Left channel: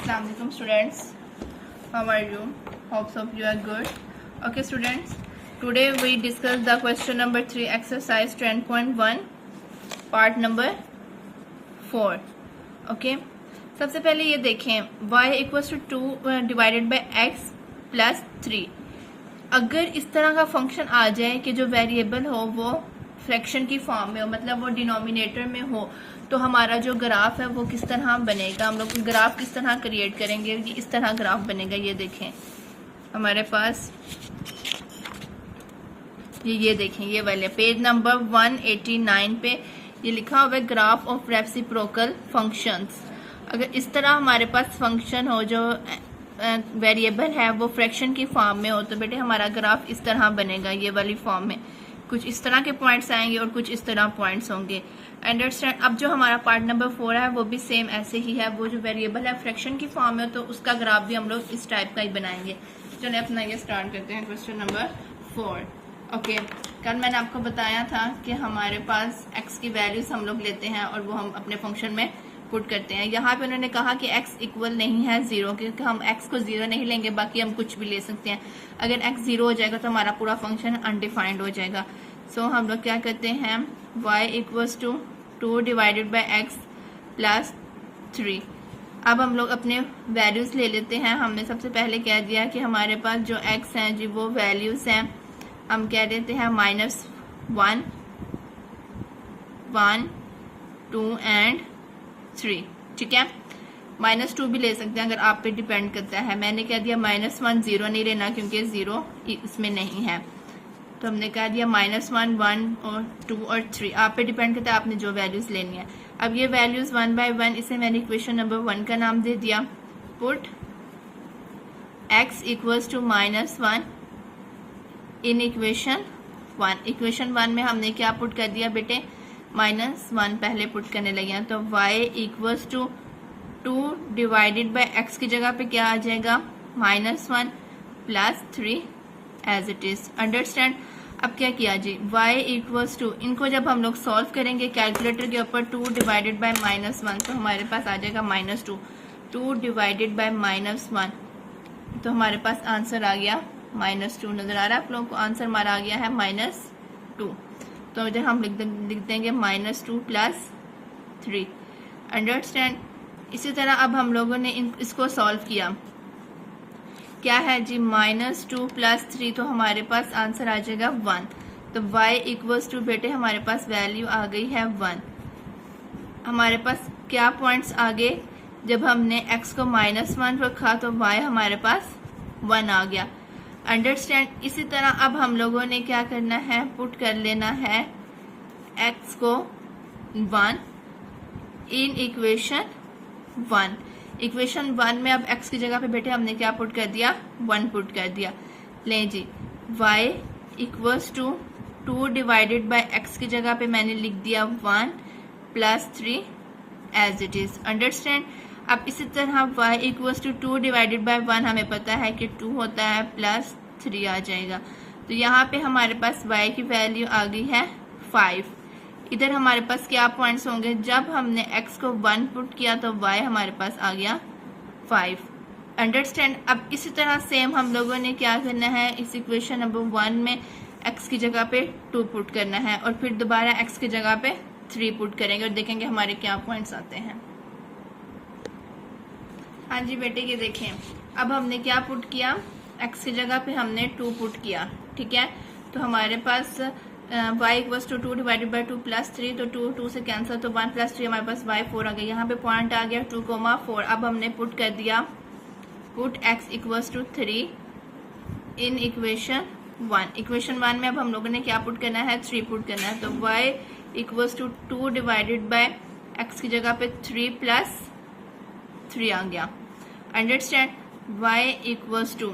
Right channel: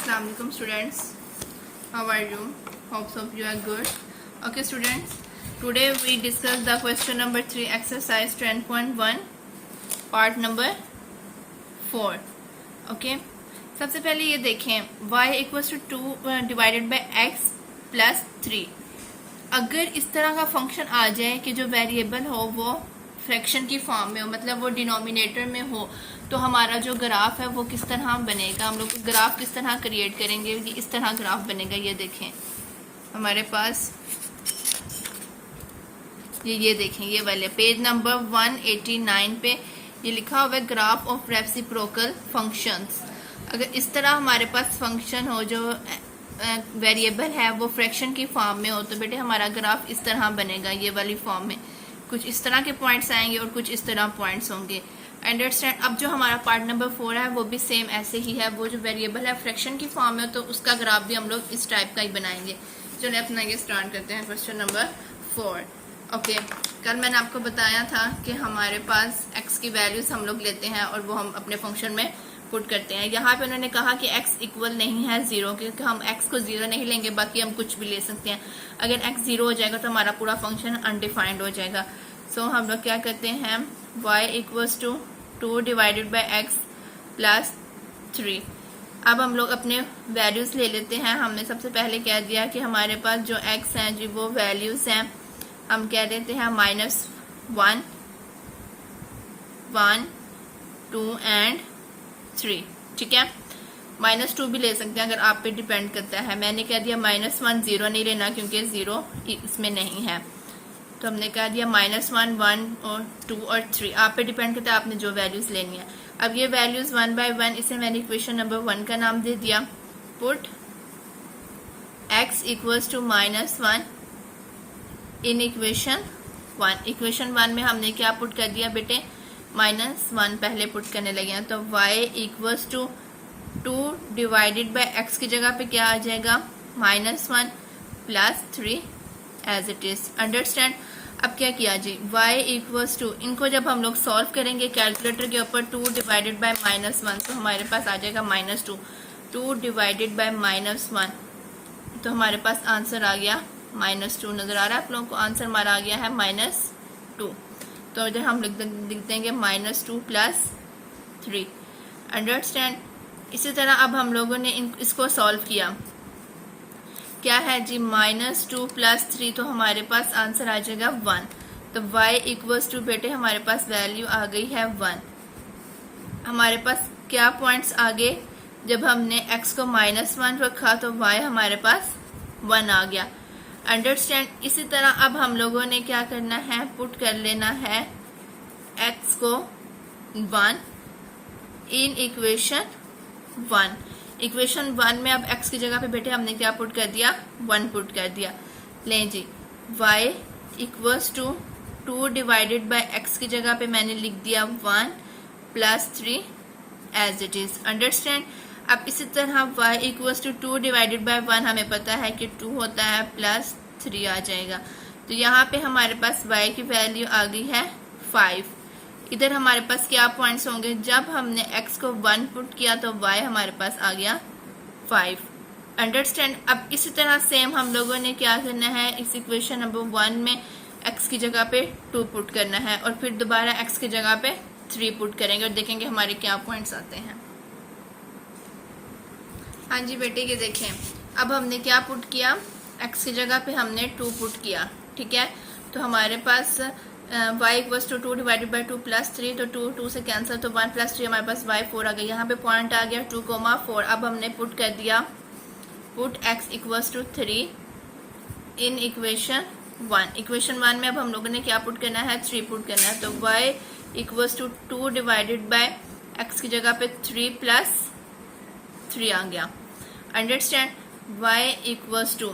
Assalamu alaikum students. How are you? Hope so you are good. Okay students, today we discuss the question number 3 exercise 10.1 part number 4. Okay, सबसे पहले ये देखें y equals to 2 divided by x plus 3. अगर इस तरह का function आ जाए कि जो वेरिएबल हो वो फ्रैक्शन की फॉर्म में हो, मतलब वो डिनोमिनेटर में हो, तो हमारा जो ग्राफ है वो किस तरह बनेगा। हम लोग ग्राफ किस तरह क्रिएट करेंगे, इस तरह ग्राफ बनेगा। ये देखें हमारे पास ये देखें, ये वाले पेज नंबर 189 पे ये लिखा हुआ है ग्राफ ऑफ रेसिप्रोकल फंक्शंस। अगर इस तरह हमारे पास फंक्शन हो जो वेरिएबल है वो फ्रैक्शन की फॉर्म में हो, तो बेटे हमारा ग्राफ इस तरह बनेगा। ये वाली फॉर्म में कुछ इस तरह के पॉइंट्स आएंगे और कुछ इस तरह पॉइंट्स होंगे। अंडरस्टैंड। अब जो हमारा पार्ट नंबर 4 है वो भी सेम ऐसे ही है। वो जो वेरिएबल है फ्रैक्शन की फॉर्म में, तो उसका ग्राफ भी हम लोग इस टाइप का ही बनाएंगे। चलिए अपना ये स्टार्ट करते हैं क्वेश्चन नंबर 4। ओके, कल मैंने आपको बताया था कि हमारे पास x की वैल्यूज हम लोग लेते हैं और वो हम अपने फंक्शन में पुट करते हैं। यहाँ पे उन्होंने कहा कि x इक्वल नहीं है 0, क्योंकि हम x को 0 नहीं लेंगे, बाकी हम कुछ भी ले सकते हैं। अगर x 0 हो जाएगा तो हमारा पूरा फंक्शन अनडिफाइंड हो जाएगा। सो हम लोग क्या करते हैं, y equals to 2 divided by x plus 3। अब हम लोग अपने वैल्यूज ले लेते हैं। हमने सबसे पहले कह दिया कि हमारे पास जो x हैं जी वो वैल्यूज हैं, हम कह देते हैं -1, 1, 2 एंड 3। ठीक है, -2 भी ले सकते हैं, अगर आप पे डिपेंड करता है। मैंने कह दिया -1, 0 नहीं लेना क्योंकि 0 इसमें नहीं है, तो हमने कह दिया -1, 1 और 2 और 3। आप पे डिपेंड करता है आपने जो वैल्यूज लेनी है। अब ये वैल्यूज 1 बाय 1, इसे मैंने इक्वेशन नंबर 1 का नाम दे दिया। Put x equals to -1 in equation 1। Equation 1 में हमने क्या पुट कर दिया बेटे, -1 पहले पुट करने लगे हैं। तो y equals to 2 divided by x की जगह पे क्या आ जाएगा, -1 plus 3 as it is. Understand. अब क्या किया जी, y इक्वल्स टू, इनको जब हम लोग सॉल्व करेंगे कैलकुलेटर के ऊपर, 2 डिवाइडेड बाय -1, तो हमारे पास आ जाएगा -2। 2 डिवाइडेड बाय -1, तो हमारे पास आंसर आ गया -2। नजर आ रहा है आप लोगों को, आंसर हमारा आ गया है -2। तो जब हम लिख देंगे -2 प्लस 3। अंडरस्टैंड। इसी तरह अब हम लोगों ने इसको सॉल्व किया, क्या है जी, -2 प्लस 3, तो हमारे पास आंसर आ जाएगा 1। तो y इक्वल्स टू बेटे हमारे पास वैल्यू आ गई है 1। हमारे पास क्या पॉइंट्स आ गए, जब हमने x को -1 रखा तो y हमारे पास 1 आ गया। अंडरस्टैंड। इसी तरह अब हम लोगों ने क्या करना है, पुट कर लेना है x को 1 इन इक्वेशन 1। इक्वेशन 1 में अब x की जगह पे बेटे हमने क्या पुट कर दिया, 1 पुट कर दिया। लें जी, y equals to 2 divided by x की जगह पे मैंने लिख दिया 1 plus 3 as it is. Understand. अब इसी तरह y equals to 2 divided by 1 हमें पता है कि 2 होता है, प्लस 3 आ जाएगा। तो यहाँ पे हमारे पास y की वैल्यू आ गई है 5। इधर हमारे पास क्या पॉइंट्स होंगे, जब हमने x को 1 पुट किया तो y हमारे पास आ गया 5। अंडरस्टैंड। अब इसी तरह सेम हम लोगों ने क्या करना है, इस इक्वेशन नंबर 1 में x की जगह पे 2 पुट करना है और फिर दोबारा x की जगह पे 3 पुट करेंगे और देखेंगे हमारे क्या पॉइंट्स आते हैं। हाँ जी बेटे, ये देखें, अब हमने क्या पुट किया, x की जगह पे हमने 2 पुट किया। ठीक है, तो हमारे पास y equals to 2 divided by 2 plus 3, तो 2 से कैंसिल, तो 1 प्लस 3 हमारे पास y 4 आ गया। यहाँ पे पॉइंट आ गया 2,4। अब हमने पुट कर दिया, put x equals to 3 in equation 1। Equation 1 में अब हम लोगों ने क्या पुट करना है, 3 पुट करना है। तो y equals to 2 divided by x की जगह पे 3 प्लस 3 आ गया। अंडरस्टैंड। y इक्वल्स टू,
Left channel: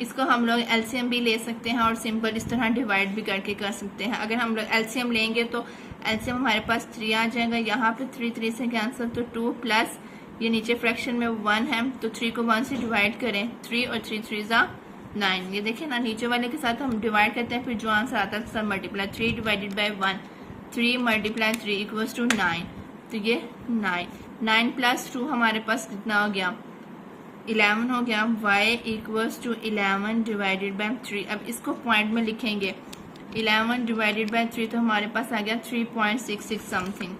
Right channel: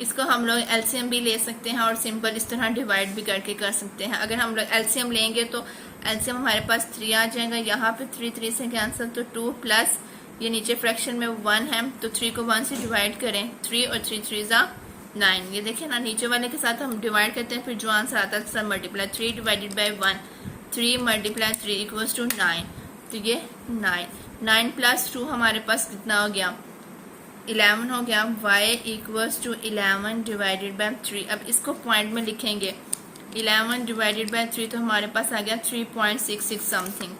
इसको हम लोग एलसीएम भी ले सकते हैं और सिंपल इस तरह डिवाइड भी करके कर सकते हैं। अगर हम लोग एलसीएम लेंगे तो एलसीएम हमारे पास 3 आ जाएगा। यहाँ पे 3 से कैंसिल, तो 2 प्लस ये नीचे फ्रैक्शन में 1 है, तो 3 को 1 से डिवाइड करें, 3 और 3 × 9। ये देखिए ना, नीचे वाले के साथ हम डिवाइड करते हैं, फिर जो आंसर आता है sir multiply 3 divided by 1, 3 multiply 3 equals to 9। तो ये 9 प्लस 2 हमारे पास कितना हो गया, 11 हो गया, y equals to 11 divided by 3। अब इसको पॉइंट में लिखेंगे, 11 डिवाइडेड बाय 3 तो हमारे पास आ गया 3.66 समथिंग।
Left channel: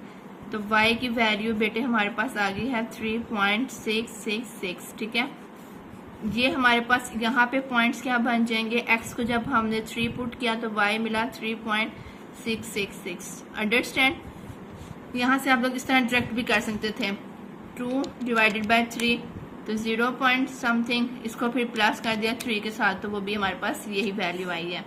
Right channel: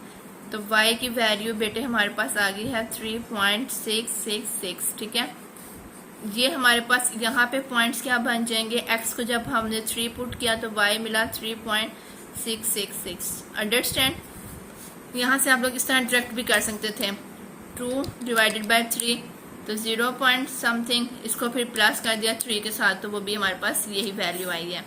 तो y की वैल्यू बेटे हमारे पास आ गई है 3.666, ठीक है। ये हमारे पास यहाँ पे पॉइंट्स क्या बन जाएंगे, x को जब हमने 3 पुट किया तो y मिला 3.666। अंडरस्टैंड। यहाँ से आप लोग इस तरह डायरेक्ट भी कर सकते थे, 2 डिवाइडेड बाय 3 तो 0 पॉइंट समथिंग, इसको फिर प्लस कर दिया 3 के साथ तो वो भी हमारे पास यही वैल्यू आई है।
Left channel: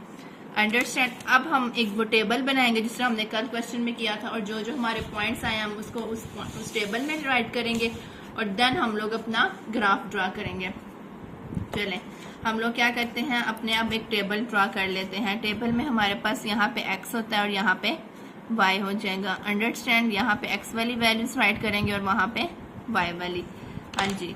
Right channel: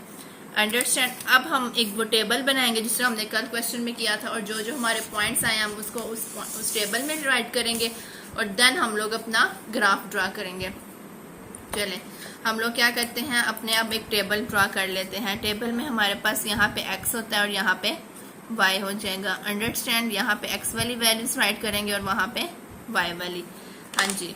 अंडरस्टैंड। अब हम एक वो टेबल बनाएंगे जिस तरह हमने कल क्वेश्चन में किया था, और जो जो हमारे पॉइंट्स आए हम उसको उस टेबल में राइट करेंगे और देन हम लोग अपना ग्राफ ड्रा करेंगे। चलें हम लोग क्या करते हैं, अपने अब एक टेबल ड्रा कर लेते हैं। टेबल में हमारे पास यहाँ पे x होता है और यहाँ पे y हो जाएगा। अंडरस्टैंड। यहाँ पे x वाली वैल्यूज राइट करेंगे और वहाँ पे y वाली। हाँ जी,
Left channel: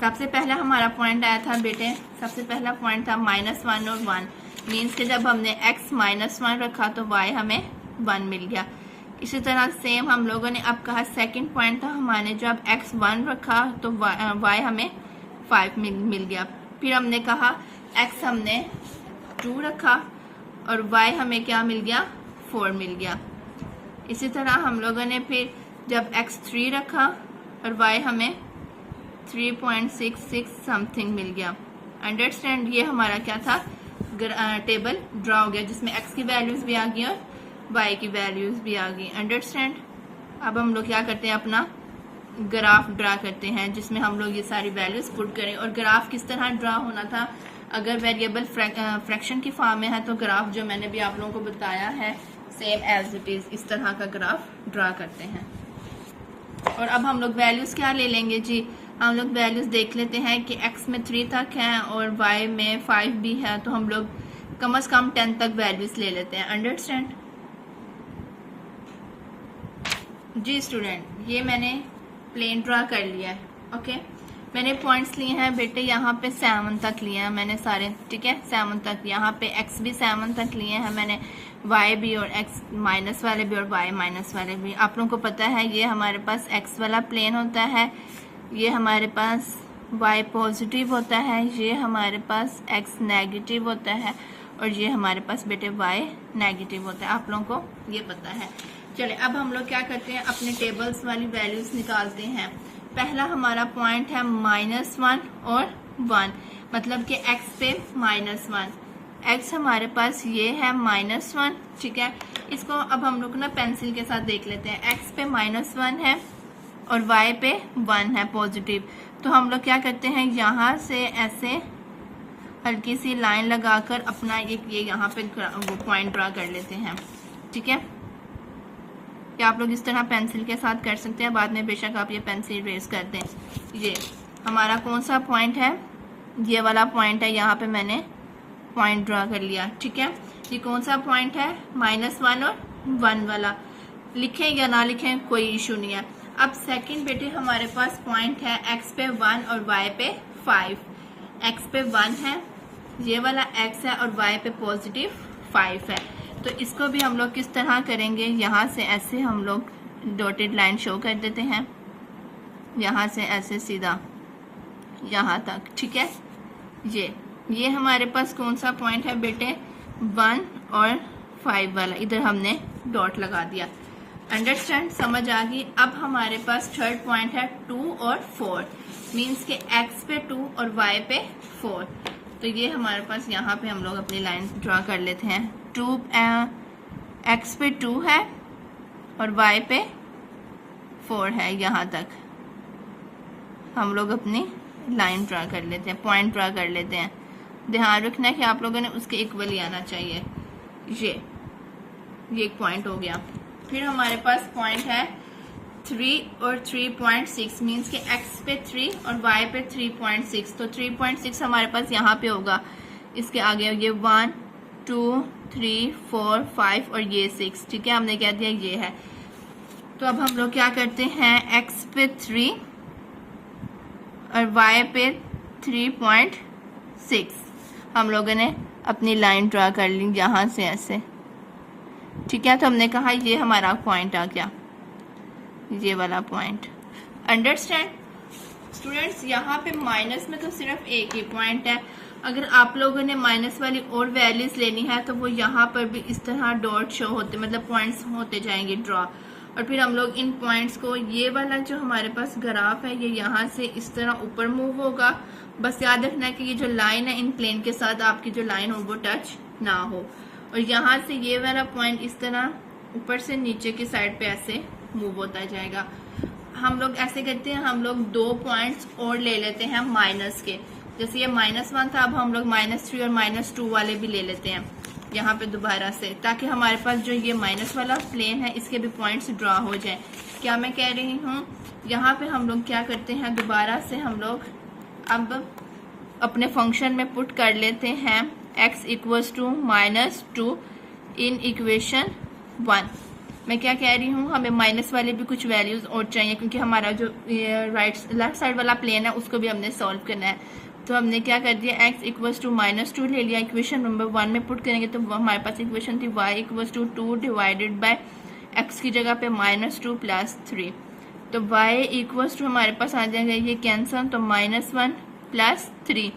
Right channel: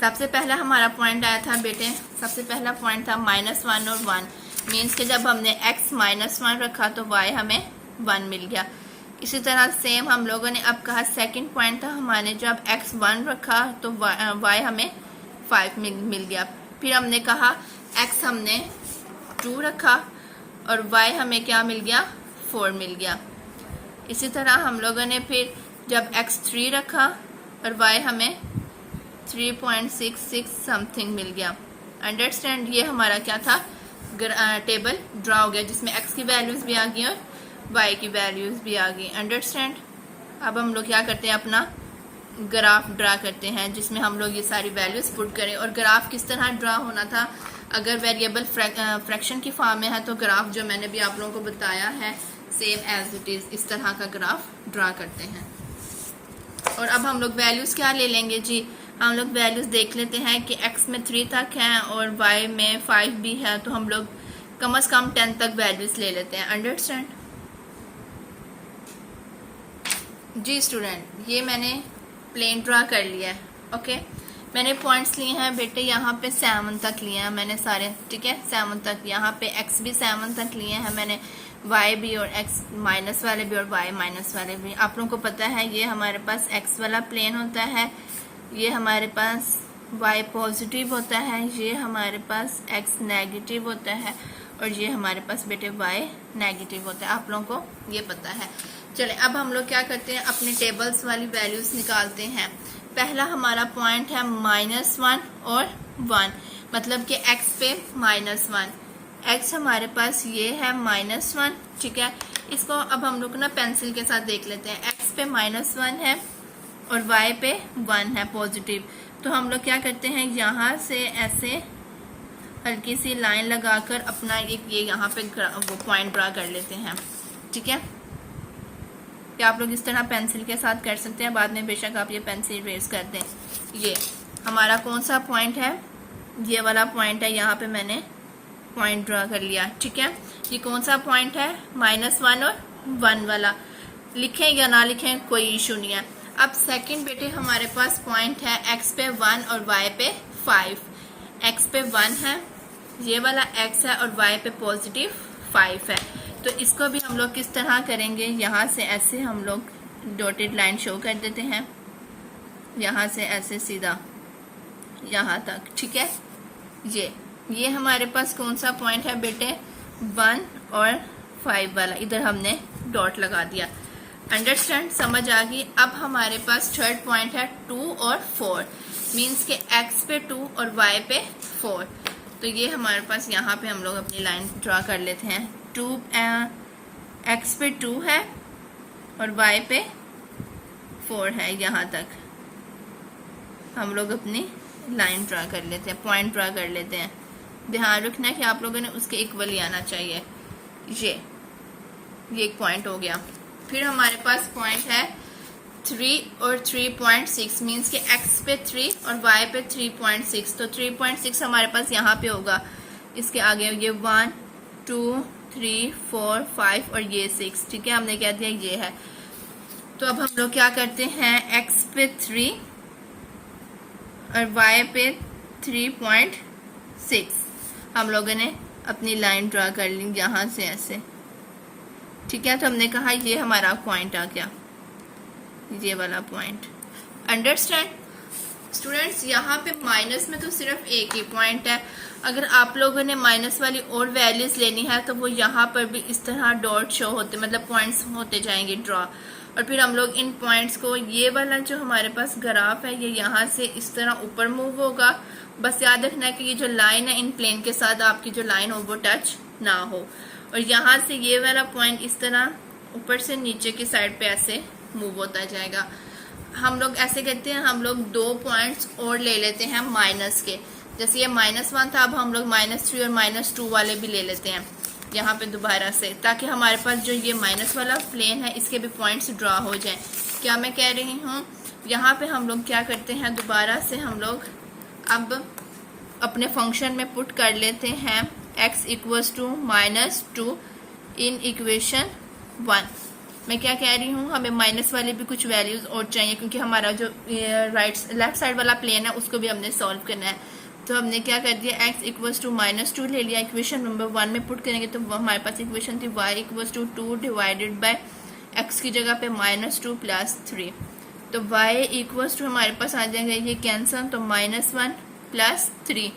सबसे पहला हमारा पॉइंट आया था बेटे, सबसे पहला पॉइंट था -1 और 1, मीन्स कि जब हमने x -1 रखा तो y हमें 1 मिल गया। इसी तरह सेम हम लोगों ने अब कहा सेकंड पॉइंट था हमारे, जब x 1 रखा तो y हमें 5 मिल गया। फिर हमने कहा x हमने 2 रखा और y हमें क्या मिल गया, 4 मिल गया। इसी तरह हम लोगों ने फिर जब x 3 रखा और y हमें 3.66 समथिंग मिल गया। अंडरस्टैंड। ये हमारा क्या था, टेबल ड्रा हो गया जिसमें x की वैल्यूज भी आ गई और y की वैल्यूज भी आ गई। अंडरस्टैंड। अब हम लोग क्या करते हैं, अपना ग्राफ ड्रा करते हैं जिसमें हम लोग ये सारी वैल्यूज पुट करें। और ग्राफ किस तरह ड्रा होना था, अगर वेरिएबल फ्रैक्शन की फॉर्म में है तो ग्राफ जो मैंने भी आप लोगों को बताया है सेम एज इट इज इस तरह का ग्राफ ड्रा करते हैं। और अब हम लोग वैल्यूज क्या ले लेंगे जी, हम लोग वैल्यूज देख लेते हैं कि x में 3 तक है और y में 5 भी है, तो हम लोग कम से कम 10 तक वैल्यूज ले लेते हैं। अंडरस्टैंड जी स्टूडेंट। ये मैंने प्लेन ड्रा कर लिया है। ओके, मैंने पॉइंट्स लिए हैं बेटे, यहाँ पे 7 तक लिए हैं मैंने सारे, ठीक है 7 तक। यहाँ पे x भी 7 तक लिए हैं मैंने, y भी और x माइनस वाले भी और y माइनस वाले भी। आप लोगों को पता है ये हमारे पास x वाला प्लेन होता है, ये हमारे पास y पॉजिटिव होता है, ये हमारे पास x नेगेटिव होता है और ये हमारे पास बेटे y नेगेटिव होता है। आप लोगों को ये पता है। चले अब हम लोग क्या करते हैं, अपने टेबल्स वाली वैल्यूज निकालते हैं। पहला हमारा पॉइंट है -1 और 1, मतलब कि x पे -1, x हमारे पास ये है -1, ठीक है। इसको अब हम लोग ना पेंसिल के साथ देख लेते हैं। x पे -1 है और y पे 1 है पॉजिटिव, तो हम लोग क्या करते हैं, यहाँ से ऐसे हल्की सी लाइन लगाकर अपना एक ये यहाँ पे वो पॉइंट ड्रा कर लेते हैं, ठीक है। क्या आप लोग इस तरह पेंसिल के साथ कर सकते हैं, बाद में बेशक आप ये पेंसिल रेज कर दें। ये हमारा कौन सा पॉइंट है, ये वाला पॉइंट है, यहाँ पे मैंने पॉइंट ड्रा कर लिया, ठीक है। ये कौन सा पॉइंट है, -1 और 1 वाला। लिखें या ना लिखें कोई इशू नहीं है। अब सेकंड बेटे हमारे पास पॉइंट है x पे 1 और y पे 5। x पे 1 है, ये वाला x है और y पे पॉजिटिव 5 है। तो इसको भी हम लोग किस तरह करेंगे, यहाँ से ऐसे हम लोग डॉटेड लाइन शो कर देते हैं, यहाँ से ऐसे सीधा यहाँ तक, ठीक है। ये हमारे पास कौन सा पॉइंट है बेटे, 1 और 5 वाला, इधर हमने डॉट लगा दिया। अंडरस्टैंड, समझ आ गई। अब हमारे पास थर्ड पॉइंट है 2 और 4, मीन्स के x पे 2 और y पे 4। तो ये हमारे पास यहाँ पे हम लोग अपनी लाइन ड्रा कर लेते हैं। x पे 2 है और y पे 4 है, यहाँ तक हम लोग अपनी लाइन ड्रा कर लेते हैं, पॉइंट ड्रा कर लेते हैं। ध्यान रखना है कि आप लोगों ने उसके इक्वल ही आना चाहिए। ये एक पॉइंट हो गया। फिर हमारे पास पॉइंट है 3 और 3.6, मीन्स के x पे 3 और y पे 3.6। तो 3.6 हमारे पास यहाँ पे होगा, इसके आगे ये 1 2 3 4 5 और ये 6, ठीक है। हमने कह दिया ये है। तो अब हम लोग क्या करते हैं, x पे 3 और y पे 3.6 हम लोगों ने अपनी लाइन ड्रा कर ली यहाँ से ऐसे, ठीक है। तो हमने कहा ये हमारा पॉइंट आ गया, ये वाला पॉइंट। अंडरस्टैंड। स्टूडेंट्स यहाँ पे माइनस में तो सिर्फ एक ही पॉइंट है, अगर आप लोगों ने माइनस वाली और वैल्यूज लेनी है तो वो यहाँ पर भी इस तरह डॉट शो होते, मतलब पॉइंट्स होते जाएंगे ड्रॉ, और फिर हम लोग इन पॉइंट्स को, ये वाला जो हमारे पास ग्राफ है ये यहाँ से इस तरह ऊपर मूव होगा। बस याद रखना है कि ये जो लाइन है इन प्लेन के साथ आपकी जो लाइन हो वो टच ना हो, और यहाँ से ये वाला पॉइंट इस तरह ऊपर से नीचे की साइड पे ऐसे मूव होता जाएगा। हम लोग ऐसे कहते हैं, हम लोग 2 पॉइंट्स और ले लेते हैं माइनस के, जैसे ये -1 था, अब हम लोग -3 और -2 वाले भी ले लेते हैं यहाँ पे दोबारा से, ताकि हमारे पास जो ये माइनस वाला प्लेन है इसके भी पॉइंट्स ड्रॉ हो जाए। क्या मैं कह रही हूँ, यहाँ पे हम लोग क्या करते हैं, दोबारा से हम लोग अब अपने फंक्शन में पुट कर लेते हैं x = -2 इन इक्वेशन 1। मैं क्या कह रही हूँ, हमें माइनस वाले भी कुछ वैल्यूज और चाहिए, क्योंकि हमारा जो लेफ्ट साइड वाला प्लेन है उसको भी हमने सॉल्व करना है। तो हमने क्या कर दिया, x = -2 ले लिया, इक्वेशन नंबर 1 में पुट करेंगे तो हमारे पास इक्वेशन थी y = 2 डिवाइडेड बाय x की जगह पे -2 + 3, तो y = हमारे पास आ जाएगा ये कैंसल, तो -1 + 3,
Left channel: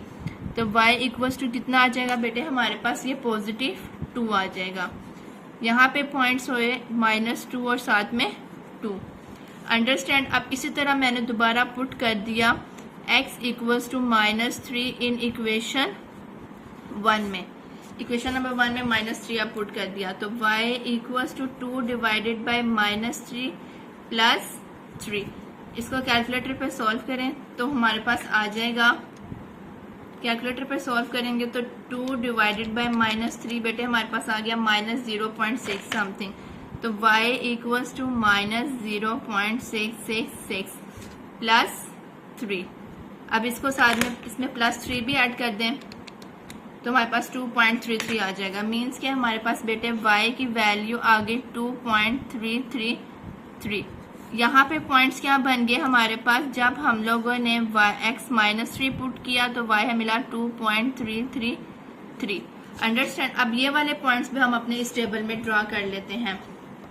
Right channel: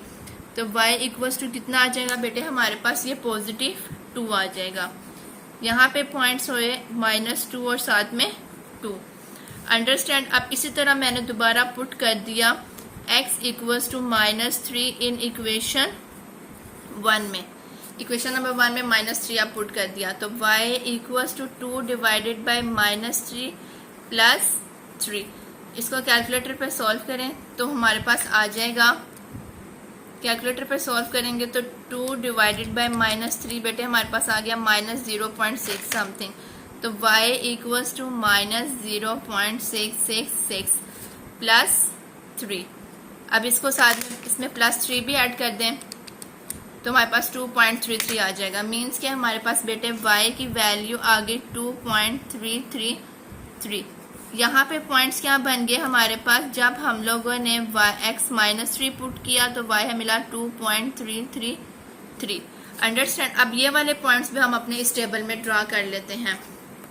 तो y = कितना आ जाएगा बेटे हमारे पास, ये पॉजिटिव 2 आ जाएगा। यहाँ पे पॉइंट्स हुए -2 और साथ में 2, अंडरस्टैंड। अब इसी तरह मैंने दोबारा पुट कर दिया x = -3 इन इक्वेशन 1 में, इक्वेशन नंबर 1 में -3 आप पुट कर दिया, तो y = 2 डिवाइडेड बाय -3 + 3। इसको कैलकुलेटर पे सॉल्व करें तो हमारे पास आ जाएगा, कैलकुलेटर पे सॉल्व करेंगे तो 2 डिवाइडेड बाय -3 बेटे हमारे पास आ गया -0.6 समथिंग, तो y = -0.666 + 3। अब इसको साथ में इसमें +3 भी ऐड कर दें तो हमारे पास 2.33 आ जाएगा। मीन्स कि हमारे पास बेटे y की वैल्यू आ गई 2.333। यहाँ पे पॉइंट्स क्या बन गए हमारे पास, जब हम लोगों ने x -3 पुट किया तो y हमें मिला 2.333। अंडरस्टैंड। अब ये वाले पॉइंट्स भी हम अपने इस टेबल में ड्रा कर लेते हैं।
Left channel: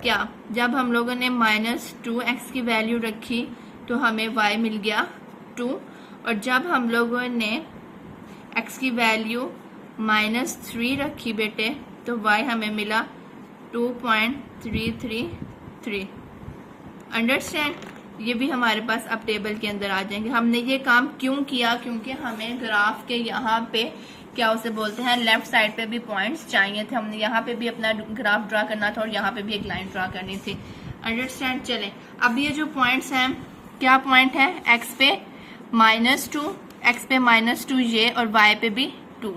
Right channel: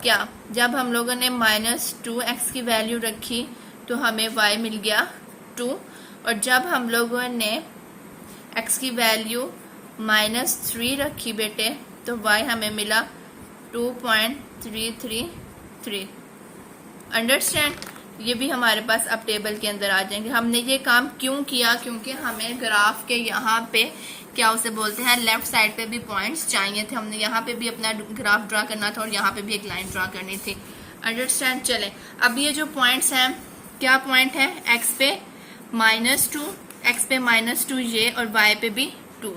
क्या, जब हम लोगों ने -2x की वैल्यू रखी तो हमें y मिल गया 2, और जब हम लोगों ने x की वैल्यू -3 रखी बेटे तो y हमें मिला 2.333। अंडरस्टैंड। ये भी हमारे पास अब टेबल के अंदर आ जाएंगे। हमने ये काम क्यों किया, क्योंकि हमें ग्राफ के यहाँ पे क्या उसे बोलते हैं, लेफ्ट साइड पे भी पॉइंट्स चाहिए थे। हमने यहाँ पे भी अपना ग्राफ ड्रा करना था और यहाँ पे भी एक लाइन ड्रा करनी थी। अंडरस्टैंड। चले, अब ये जो पॉइंट्स हैं, क्या पॉइंट है, x पे -2, x पे -2 ये, और y पे भी 2।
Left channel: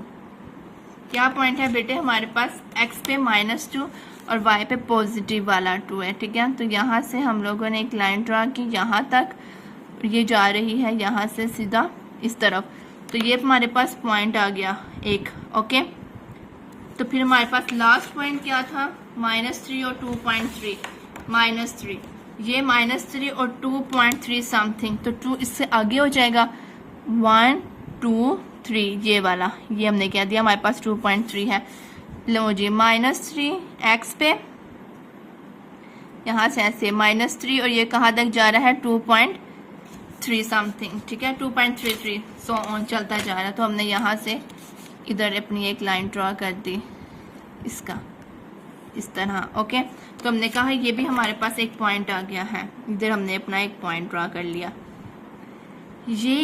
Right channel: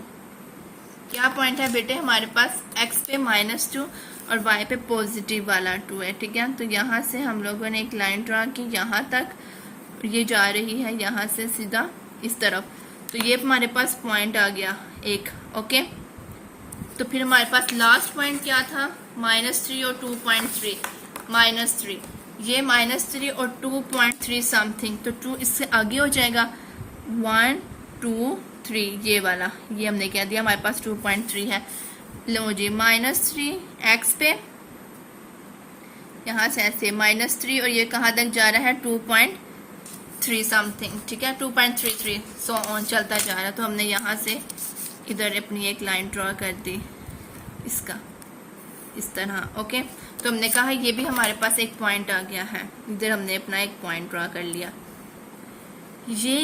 क्या पॉइंट है बेटे हमारे पास, x पे -2 और y पे पॉजिटिव वाला 2 है। ठीक है, तो यहाँ से हम लोगों ने एक लाइन ड्रा की, यहाँ तक ये जा रही है, यहाँ से सीधा इस तरफ, तो ये हमारे पास पॉइंट आ गया एक। ओके, तो फिर हमारे पास लास्ट पॉइंट क्या था, -3 और 2.3, -3, ये -3 और 2.3 समथिंग, तो 2 इससे आगे हो जाएगा, 1 2 3 ये वाला, ये हमने क्या दिया, हमारे पास 2.3 है। लो जी, -3 x पे, यहाँ से ऐसे -3 और ये कहाँ तक जा रहा है, 2.3 समथिंग। ठीक है, 2.33 सो ऑन चलता जा रहा है। तो हमने यहाँ से इधर अपनी एक लाइन ड्रॉ कर दी, इसका इस तरह। ओके, तो हमने कहा ये भी हमारे पास एक पॉइंट आ गया है, इधर हमने अपना एक पॉइंट ड्रॉ कर लिया। ये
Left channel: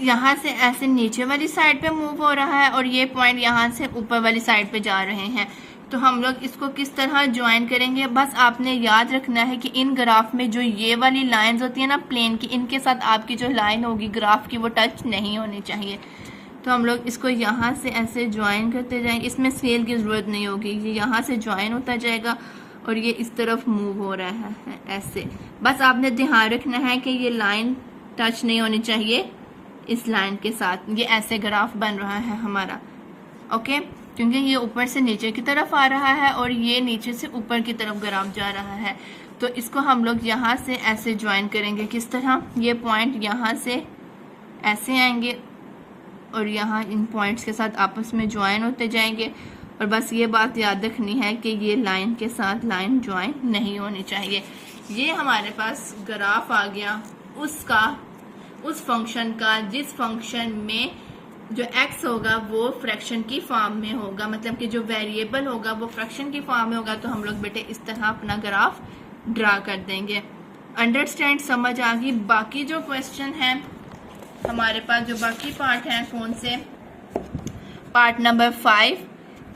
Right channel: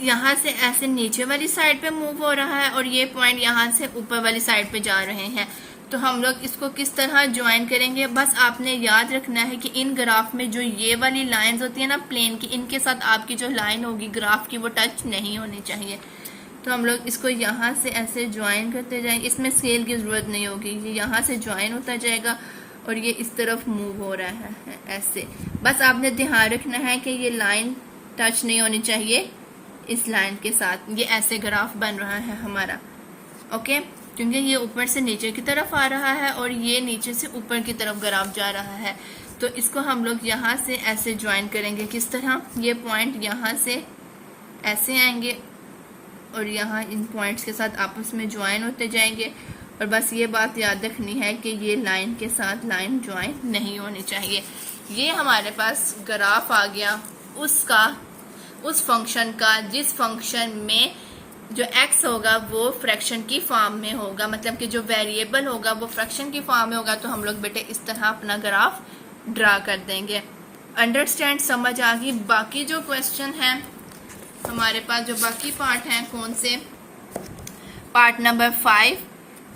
यहाँ से ऐसे नीचे वाली साइड पे मूव हो रहा है और ये पॉइंट यहाँ से ऊपर वाली साइड पे जा रहे हैं। तो हम लोग इसको किस तरह ज्वाइन करेंगे, बस आपने याद रखना है कि इन ग्राफ में जो ये वाली लाइंस होती है ना प्लेन की, इनके साथ आपकी जो लाइन होगी ग्राफ की वो टच नहीं होनी चाहिए। तो हम लोग इसको यहाँ से ऐसे ज्वाइन करते जाएंगे, इसमें स्केल की जरूरत नहीं होगी, ये यहाँ से ज्वाइन होता जाएगा और ये इस तरफ मूव हो रहा है ऐसे। बस आपने ध्यान रखना है कि ये लाइन टच नहीं होनी चाहिए इस लाइन के साथ। ये ऐसे ग्राफ बन रहा है हमारा। ओके, क्योंकि ये ऊपर से नीचे की तरफ आ रहा है और ये नीचे से ऊपर की तरफ ग्राफ जा रहा है। तो इसको हम लोग यहाँ से ऐसे ज्वाइन करेंगे। किस तरह, ये पॉइंट यहाँ से ऐसे आएंगे और यहाँ इन पॉइंट्स के साथ आपस में ज्वाइन होते जाएंगे। और बस ये बात याद रखनी है कि ये लाइन के साथ लाइन ज्वाइन नहीं होनी चाहिए। ये हमारे पास ग्राफ आ गया उस फंक्शन का जिस फंक्शन में जो x होगा वो फ्रैक्शन की फॉर्म में होगा, मतलब कि जो वेरिएबल होगा वो फ्रैक्शन की फॉर्म में होगा, तो हम लोग बेटे इस तरह अपना ग्राफ ड्रा कर देंगे। अंडरस्टैंड, समझ आ गई। बाकी जो क्वेश्चन है हमारे पास, जो बाकी पार्ट हैं, कौन से, part number 5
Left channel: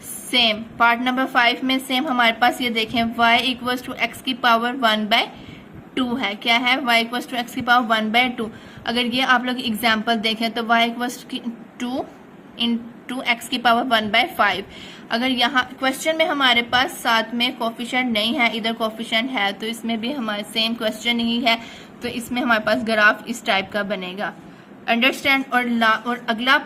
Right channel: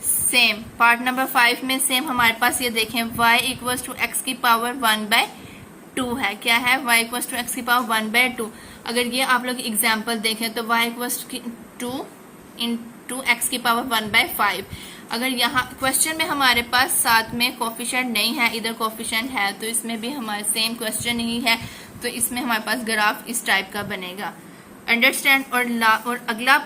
same, part number 5 में सेम हमारे पास ये देखें y इक्वल्स टू एक्स की पावर 1/2 है। क्या है? y इक्वल्स टू एक्स की पावर 1/2। अगर ये आप लोग एग्जाम्पल देखें तो y equals two into x की पावर 1/5। अगर यहाँ क्वेश्चन में हमारे पास साथ में कोफिशिएंट नहीं है, इधर कोफिशिएंट है, तो इसमें भी हमारे सेम क्वेश्चन ही है, तो इसमें हमारे पास ग्राफ इस टाइप का बनेगा। अंडरस्टैंड। और अगला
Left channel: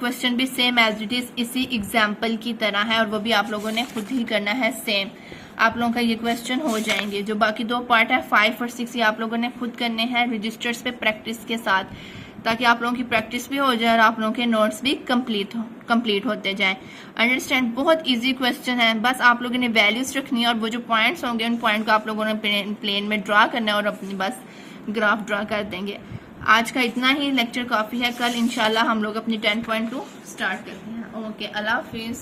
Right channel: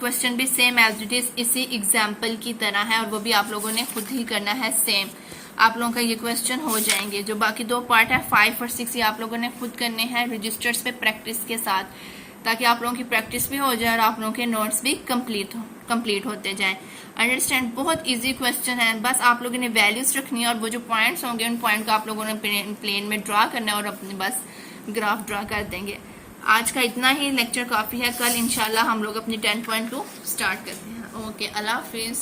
क्वेश्चन भी सेम एज इट इज इसी एग्जाम्पल की तरह है, और वो भी आप लोगों ने खुद ही करना है सेम। आप लोगों का ये क्वेश्चन हो जाएंगे। जो बाकी 2 पार्ट है 5 और 6, ये आप लोगों ने खुद करने हैं रजिस्टर्स पे प्रैक्टिस के साथ, ताकि आप लोगों की प्रैक्टिस भी हो जाए और आप लोगों के नोट्स भी कंप्लीट होते जाएं। अंडरस्टैंड। बहुत इजी क्वेश्चन है, बस आप लोगों ने वैल्यूज रखनी है और वो जो पॉइंट्स होंगे उन पॉइंट को आप लोगों ने प्लेन में ड्रा करना है और अपने बस ग्राफ ड्रा कर देंगे। आज का इतना ही लेक्चर काफी है। कल इंशाल्लाह हम लोग अपनी 10.2 स्टार्ट करते हैं। ओके, अल्लाह हाफिज।